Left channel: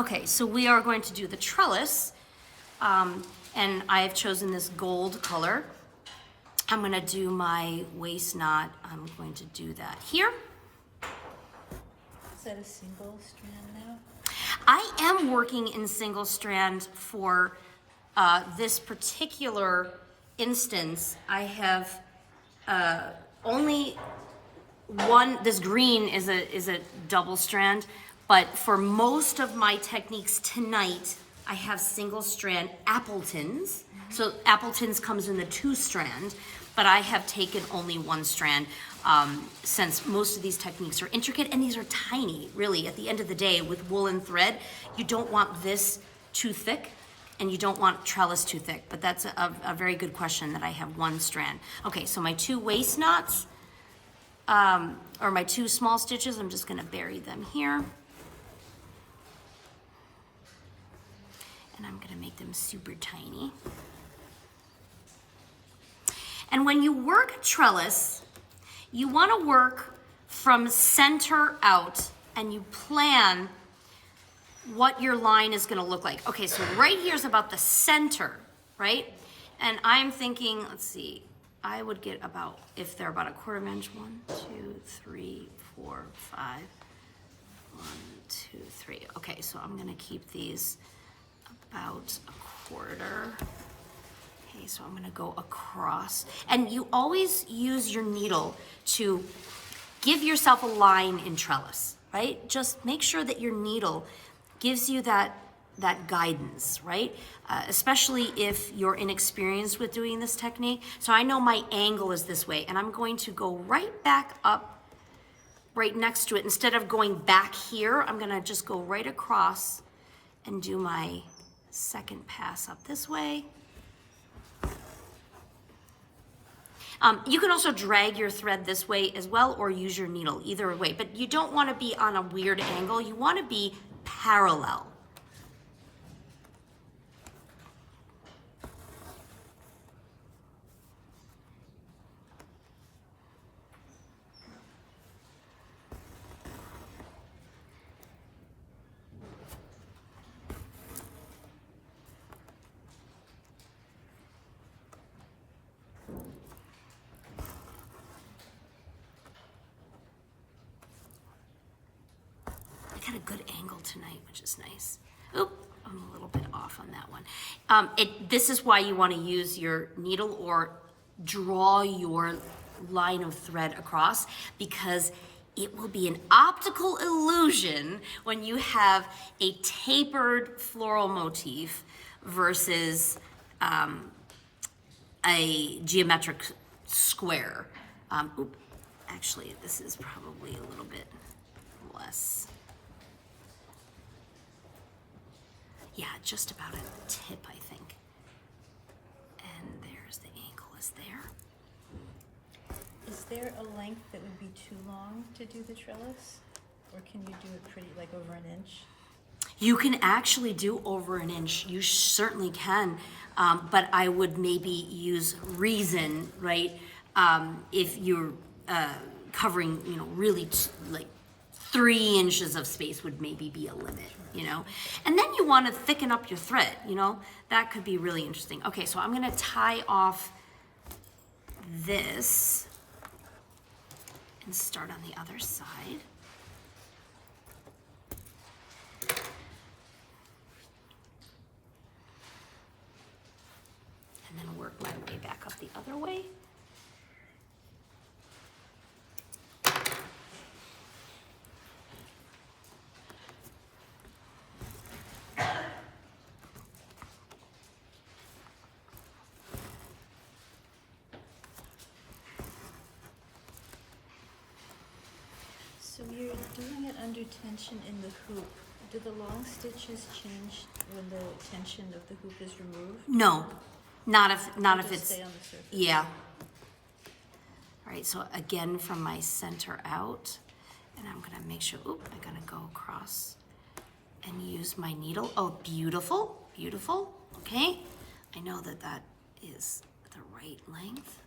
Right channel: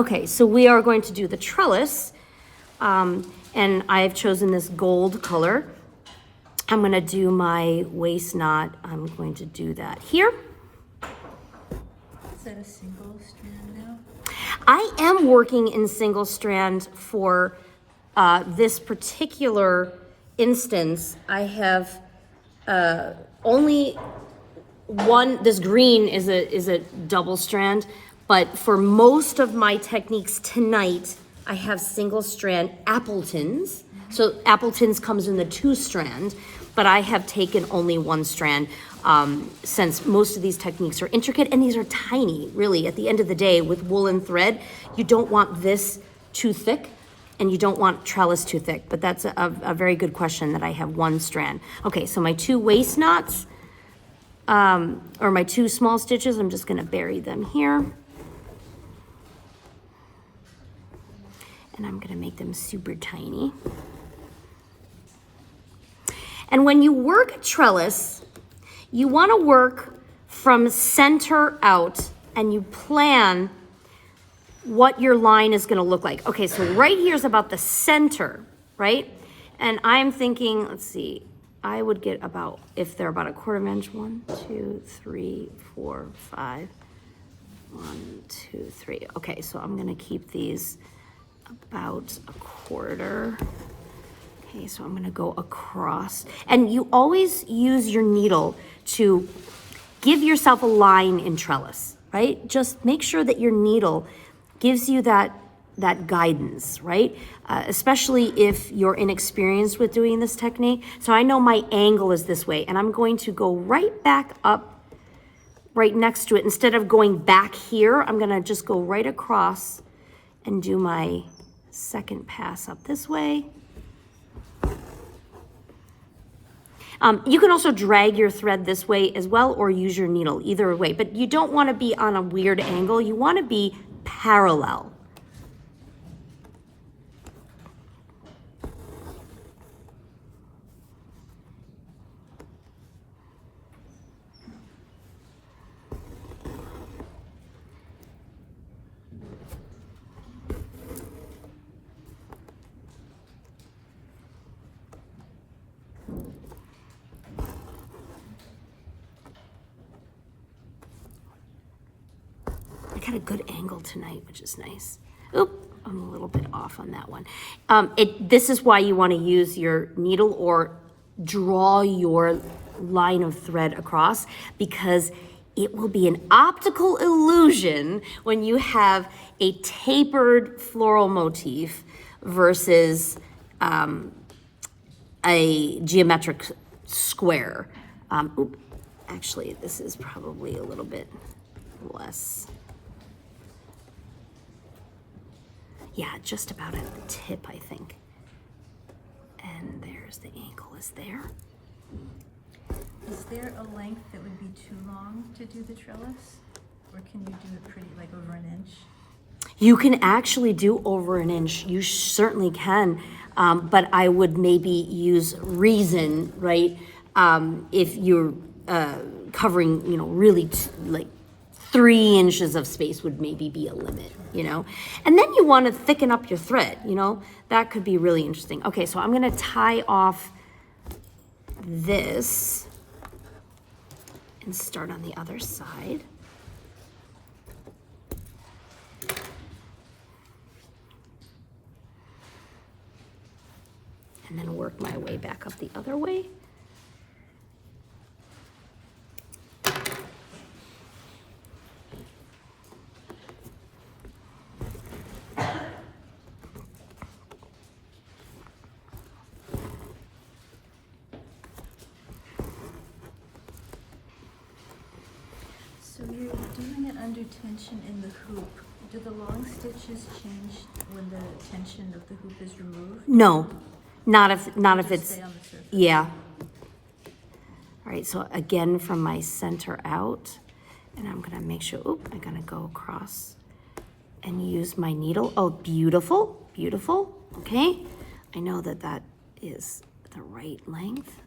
Okay, so we are going to do the trellis, and I have chosen this gold color. I'm gonna do my waist knot. I'm going to do that here. Is that a single strand now? I am working in single strand for this particular instance. I have only one. This green is a double strand, but for most of my techniques tonight, I have single strand Appletons. So Appletons comes in the 2 strand, but I have taken only 1 strand since most of these techniques are intricate and these are tiny, really. At the end of the day, with woolen thread, you don't want this too thick and you don't want trellis too thick, but that's a very good question that I have 1 strand. Okay, so my 2 waist knots, or my 2 small stitches, I'm just gonna bury them here. And I'm gonna make them super tiny. And when you work a trellis, you wanna work from center out and you plan what your line is gonna look like. Okay, so right here is about the center, right? And I'm thinking, let's see, I would get about, if they're about a 1/4 inch, 1, 2, 3, 4, 5, 1, 2, 3. Okay, so I'm gonna keep these about a 1/4. Okay, so I'm gonna go across. And you always use your needle to give yourself a line in trellis, right? Just make sure that your needle gives you that guidance, right? Especially if you're inexperienced with doing this technique. So I know my angle is this way, and I'm going to go right back up right next to it. Instead of going back here, I'm gonna just go right across and do my second pass up this way. You can also drag your thread this way as well or use your needle, either way, but you don't want to be on a weird angle. You want to be parallel. I got a good angle tonight, which is nice. Oop, I'm a little bit off on that one. This is why you want to use your needle or draw your line of thread across, because it will be an optical illusion when you have a tapered floral motif versus a geometric square. Actually, this is probably a little bit less. Yeah, just about at the tip, I think. And there's the ankle is there. Is there a length that would be too long to do the trellis? Or can you do it pretty, like over an inch? You can actually do over an inch. You certainly can. But I would maybe use reason, right? If you're covering, really like 3 inches of space would maybe be a limit, And then you want to thicken up your thread, That could be really interesting. Okay, so I'm going to tie off this and start on the other side. And then work my way back up the other way. So you're doing it under tension in the hoop. Do the long stitches change when the tension of the hoop is removed? No, not if it's, stay on the surface. Yeah. All right, so again from my center out, and I'm gonna make sure, I'm gonna go across and use my needle. Oh, beautiful, beautiful, okay. I know that is the right length.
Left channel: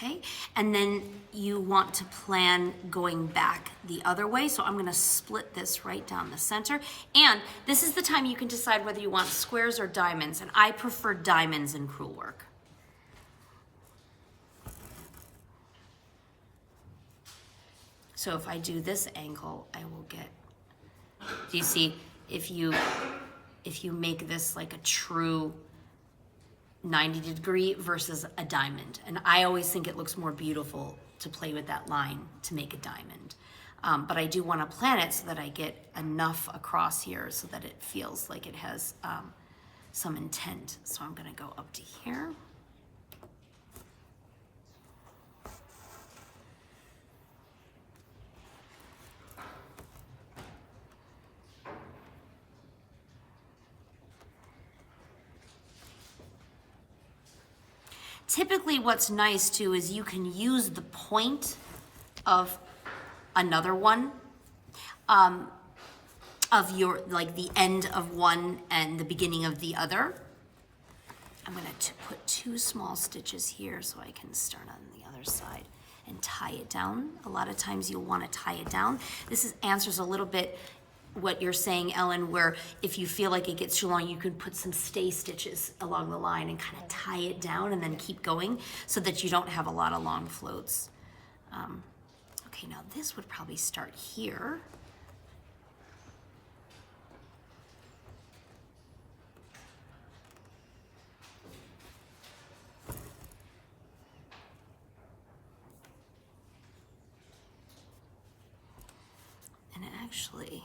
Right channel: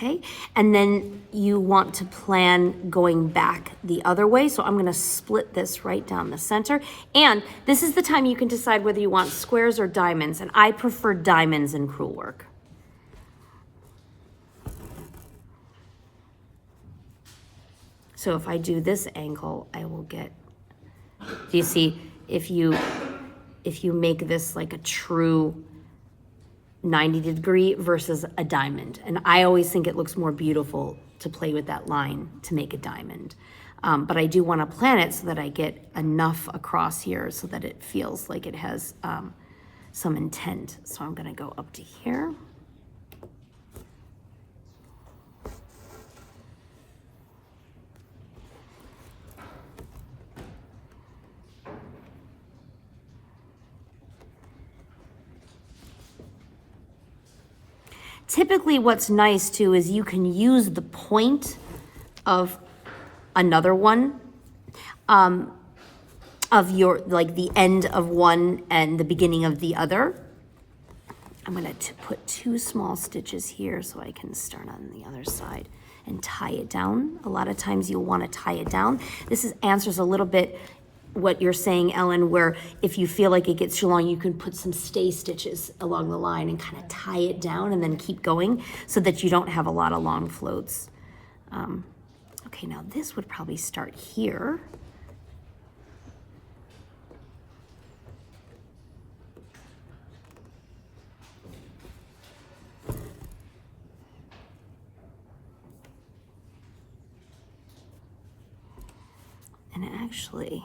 Okay, and then you want to plan going back the other way. So I'm gonna split this right down the center. And this is the time you can decide whether you want squares or diamonds. And I prefer diamonds in Crewel Work. So if I do this angle, I will get, do you see, if you make this like a true 90-degree versus a diamond. And I always think it looks more beautiful to play with that line to make a diamond. But I do want to plan it so that I get enough across here so that it feels like it has some intent. So I'm going to go up to here. Typically what's nice too is you can use the point of another one, of your, like the end of one and the beginning of the other. I'm gonna put 2 small stitches here so I can start on the other side and tie it down. A lot of times you'll wanna tie it down. This answers a little bit what you're saying, Ellen, where if you feel like it gets too long, you can put some stay stitches along the line and kind of tie it down and then keep going so that you don't have a lot of long floats. Okay, now this would probably start here. And actually,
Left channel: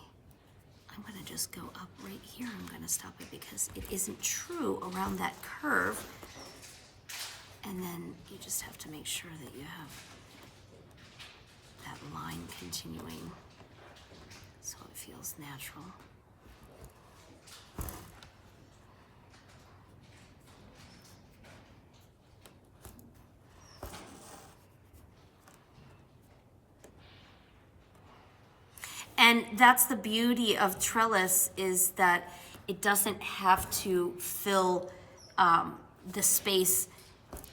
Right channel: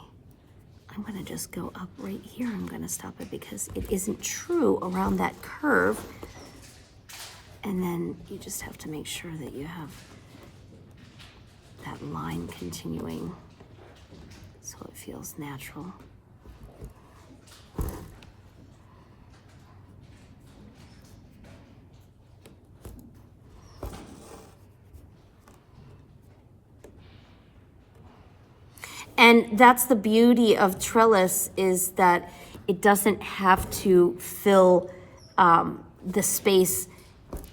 I'm gonna just go up right here. I'm gonna stop it because it isn't true around that curve. And then you just have to make sure that you have that line continuing so it feels natural. And that's the beauty of trellis, is that it doesn't have to fill the space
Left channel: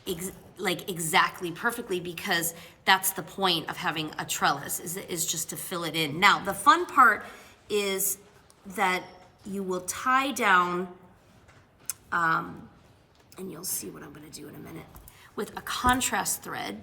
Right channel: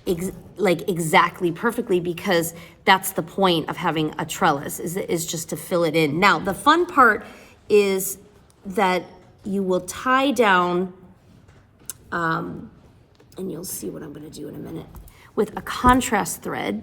exactly perfectly, because that's the point of having a trellis, is just to fill it in. Now, the fun part is that you will tie down, and you'll see what I'm gonna do in a minute, with a contrast thread.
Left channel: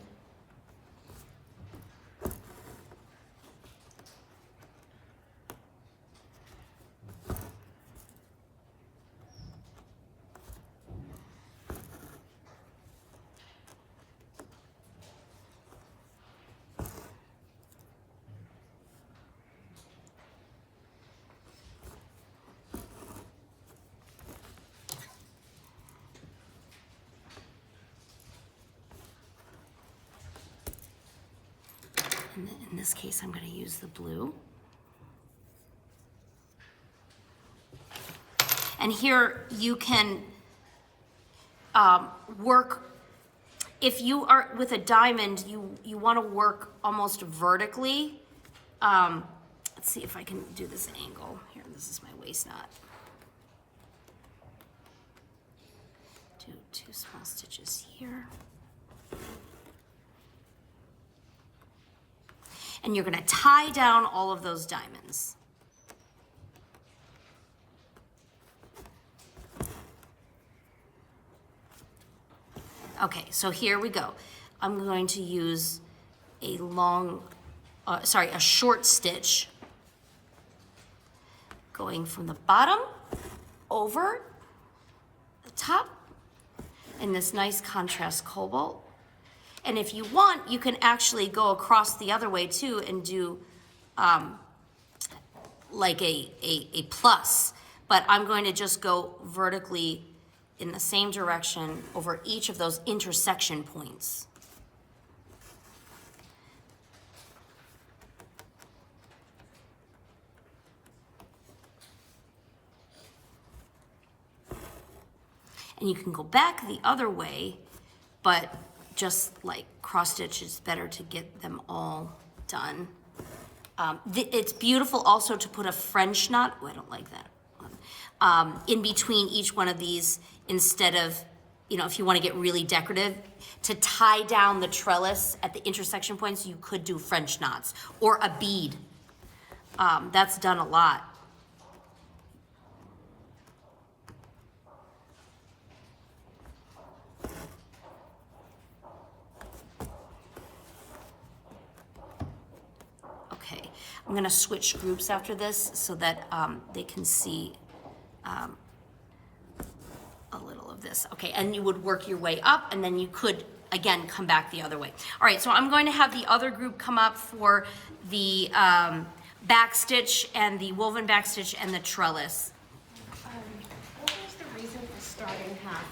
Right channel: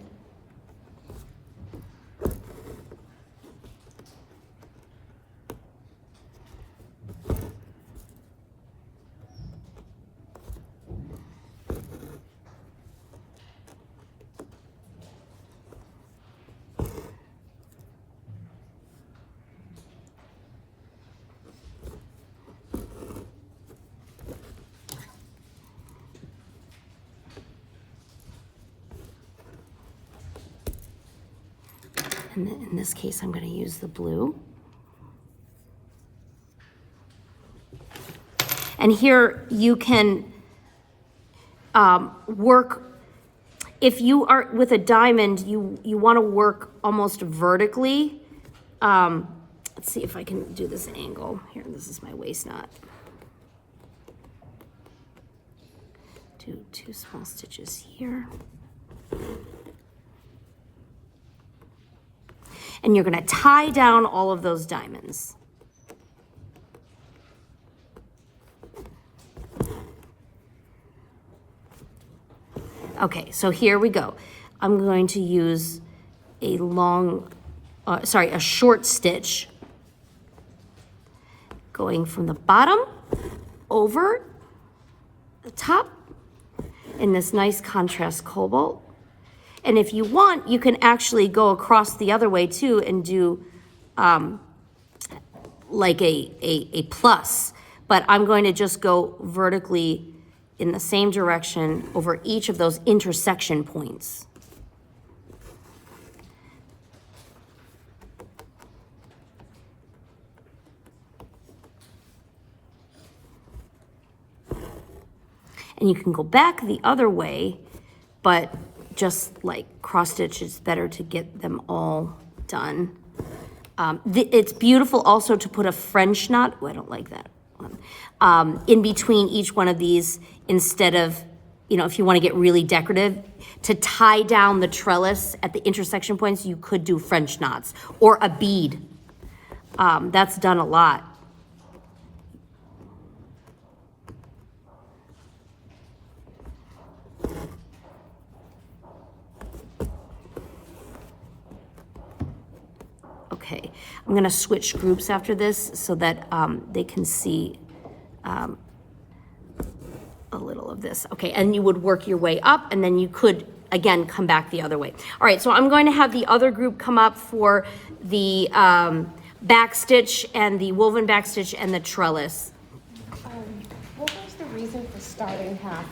In this case, I'm going to use the blue. And here you can work, if you are with a diamond, you want to work almost vertically. Let's see if I can do this angle. Here, this is my waist knot. Do 2 small stitches here. And you're gonna tie down all of those diamonds. Okay, so here we go. I'm going to use a a short stitch going from the bottom over the top in this nice contrast cobalt. And if you want, you can actually go across the other way too and do like a plus. But I'm going to just go vertically in the same direction over each of those intersection points. And you can go back the other way, but just like cross stitch, it's better to get them all done. It's beautiful also to put a French knot, oh, I don't like that one, in between each one of these, instead of you know, if you want to get really decorative, to tie down the trellis at the intersection points, you could do French knots or a bead. That's done a lot. Okay, I'm gonna switch groups after this so that they can see a little of this. Okay, and you would work your way up, and then you could, again, come back the other way. All right, so I'm going to have the other group come up for the back stitch and the woven back stitch and the trellis. What was the reason for starting half